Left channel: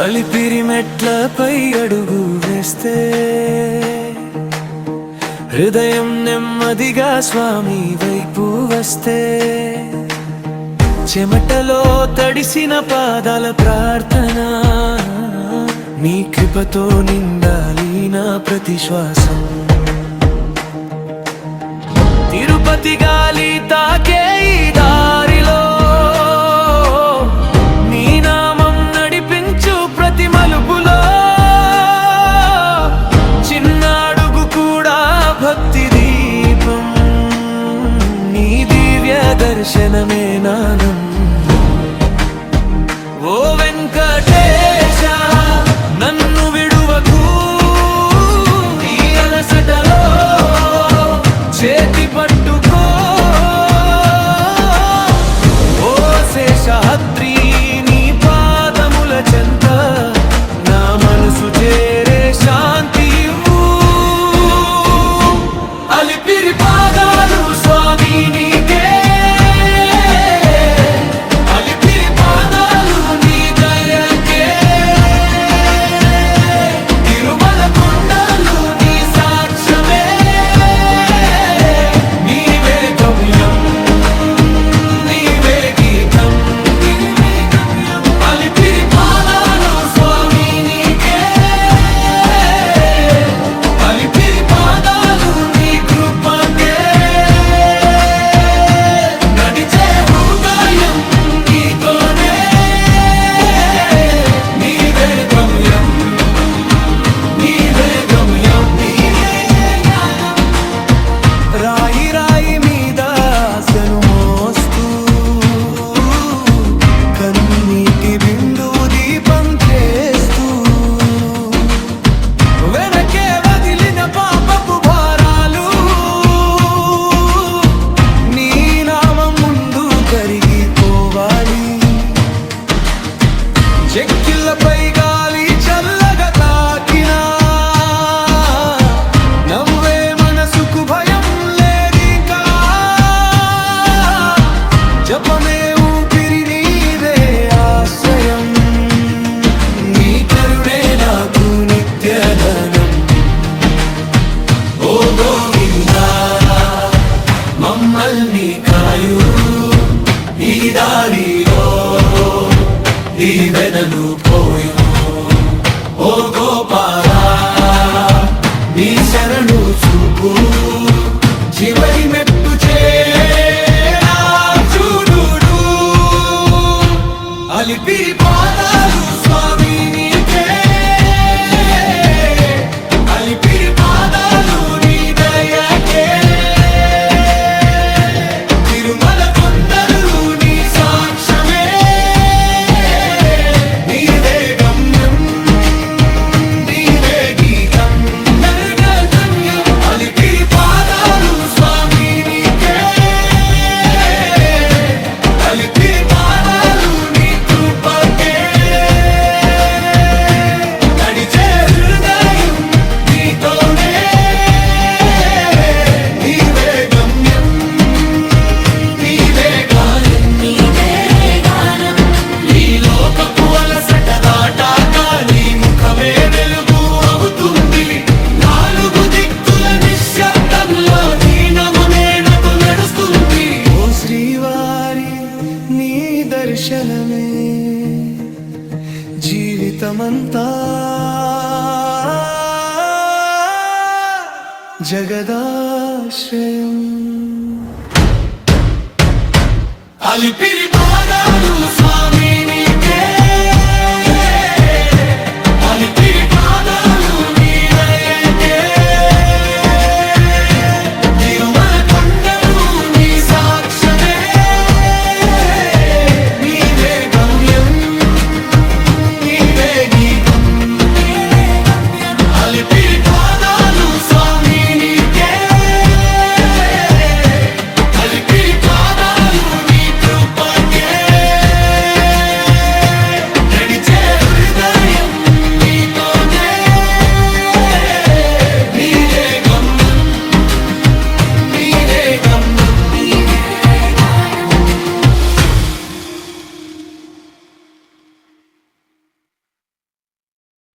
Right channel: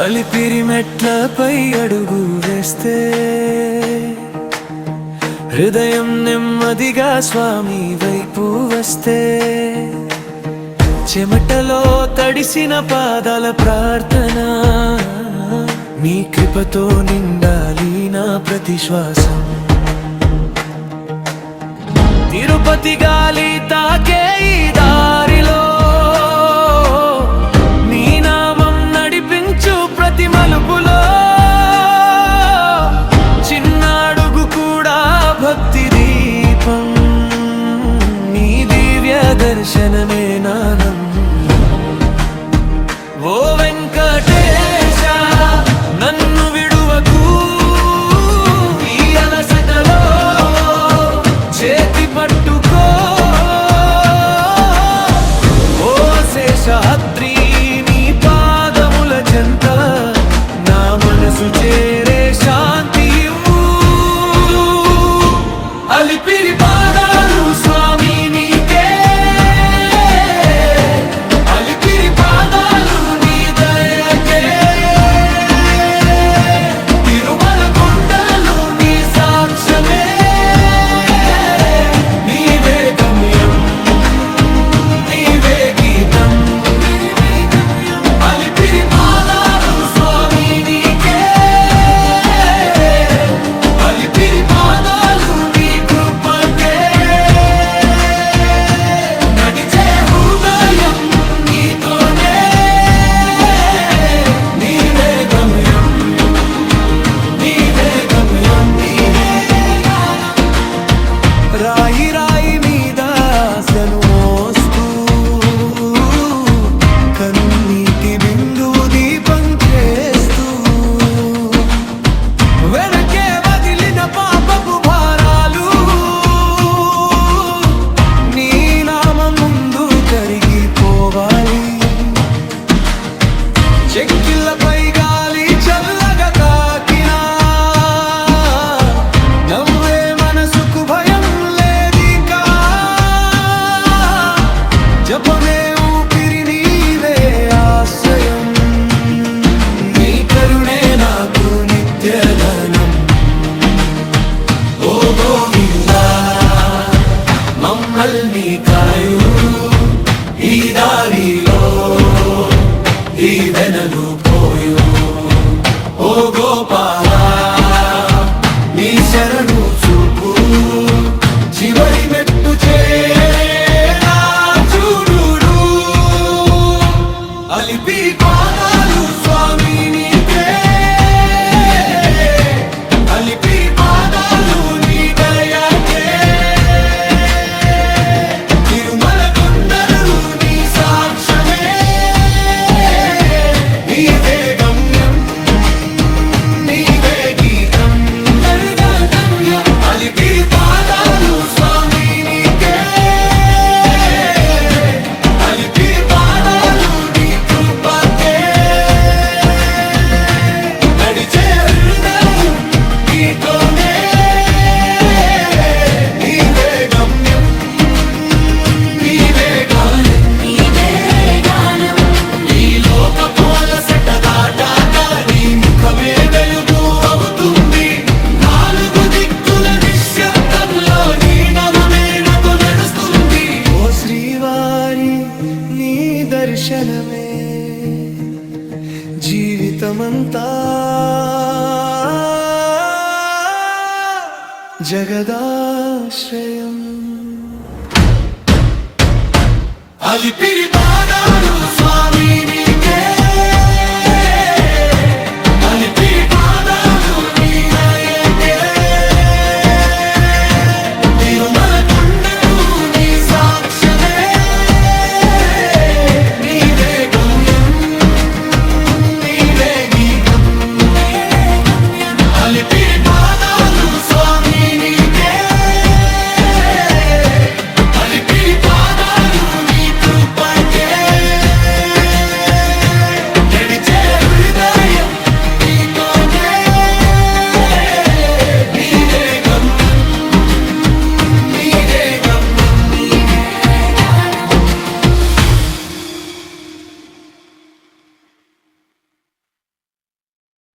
అలిపిరి మెట్లపై అడుగు వేస్తే హృదయం నెమ్మదిగా స్వామి వైపు వస్తే చెమటలో తడిసిన పాదాల ప్రార్థన నీ కృపతో నిండాలి నా ప్రతి శ్వాసం. తిరుపతి గాలి తాకే ఈ దారిలో నీ నామం నడిపించు ప్రతి మలుపులో. చిన్న అడుగు కూడా భక్తి దీపం, నీ దివ్య దర్శనమే నానం. ఓ వెంకటేశ నన్ను విడువకు ఈ అలసటలో, చేతి పట్టుకో ఓ శేషాద్రి నీ పాదముల చెంత, నా మనసు చేరే శాంతి ఇవ్వు. అలిపిరి పాదాలు స్వామి నీకే, అలిపిరి పాదాలు నీ దయకే, తిరుమల కొండలు నీ సాక్ష్యమే, నీవే గమ్యం నీవే గీతం నీవే గమ్యం. అలిపిరి పాదాలు స్వామి నీకే, అలిపిరి పాదాలు నీ కృపకే, నడిచే హృదయం నీతోనే, నీవే గమ్యం నీవే గమ్యం నీవే గానం. రాయి రాయి మీద ఆశను మోస్తూ కన్నీటి బిందువు దీపం చేస్తూ, వెనకే వదిలిన పాపపు భారాలు నీ నామం ముందు కరిగిపోవాలి. చెక్కిళ్ళపై గాలి చల్లగా తాకినా నవ్వే మనసుకు భయం లేదికా. జపమే ఊపిరి నీవే ఆశ్రయం, నీ కరుణే నాకు నిత్యధనం. ఓ గోవిందా మమ్మల్ని కాయు ఈ దారిలో దీవెనలు పోయు. ఓ గోపాలా నీ శరణు చూపు, చివరి మెట్టు చేరేలా చూడు. అలిపిరి పాదాలు స్వామి నీకే, అలిపిరి పాదాలు నీ దయకే, తిరుమల కొండలు నీ సాక్ష్యమే, నీవే గమ్యం నీవే గీతం నల్గా గమ్యం. అలిపిరి పాదాలు స్వామి నీకే, అలిపిరి పాదాలు నీ కృపకే, నడిచే హృదయం నీతోనే, నీవే గమ్యం నీవే గానం నీవే గానం. నీ లోకపు అలసట దాటాక నీ ముఖమే వెలుగు అవుతుంది. నాలుగు దిక్కుల నిశ్శబ్దంలో నీ నామమే నాతో నడుస్తుంది. ఓ శ్రీవారి నీ దర్శనమే జీవితమంతా జగదాశ్రయం. అలిపిరి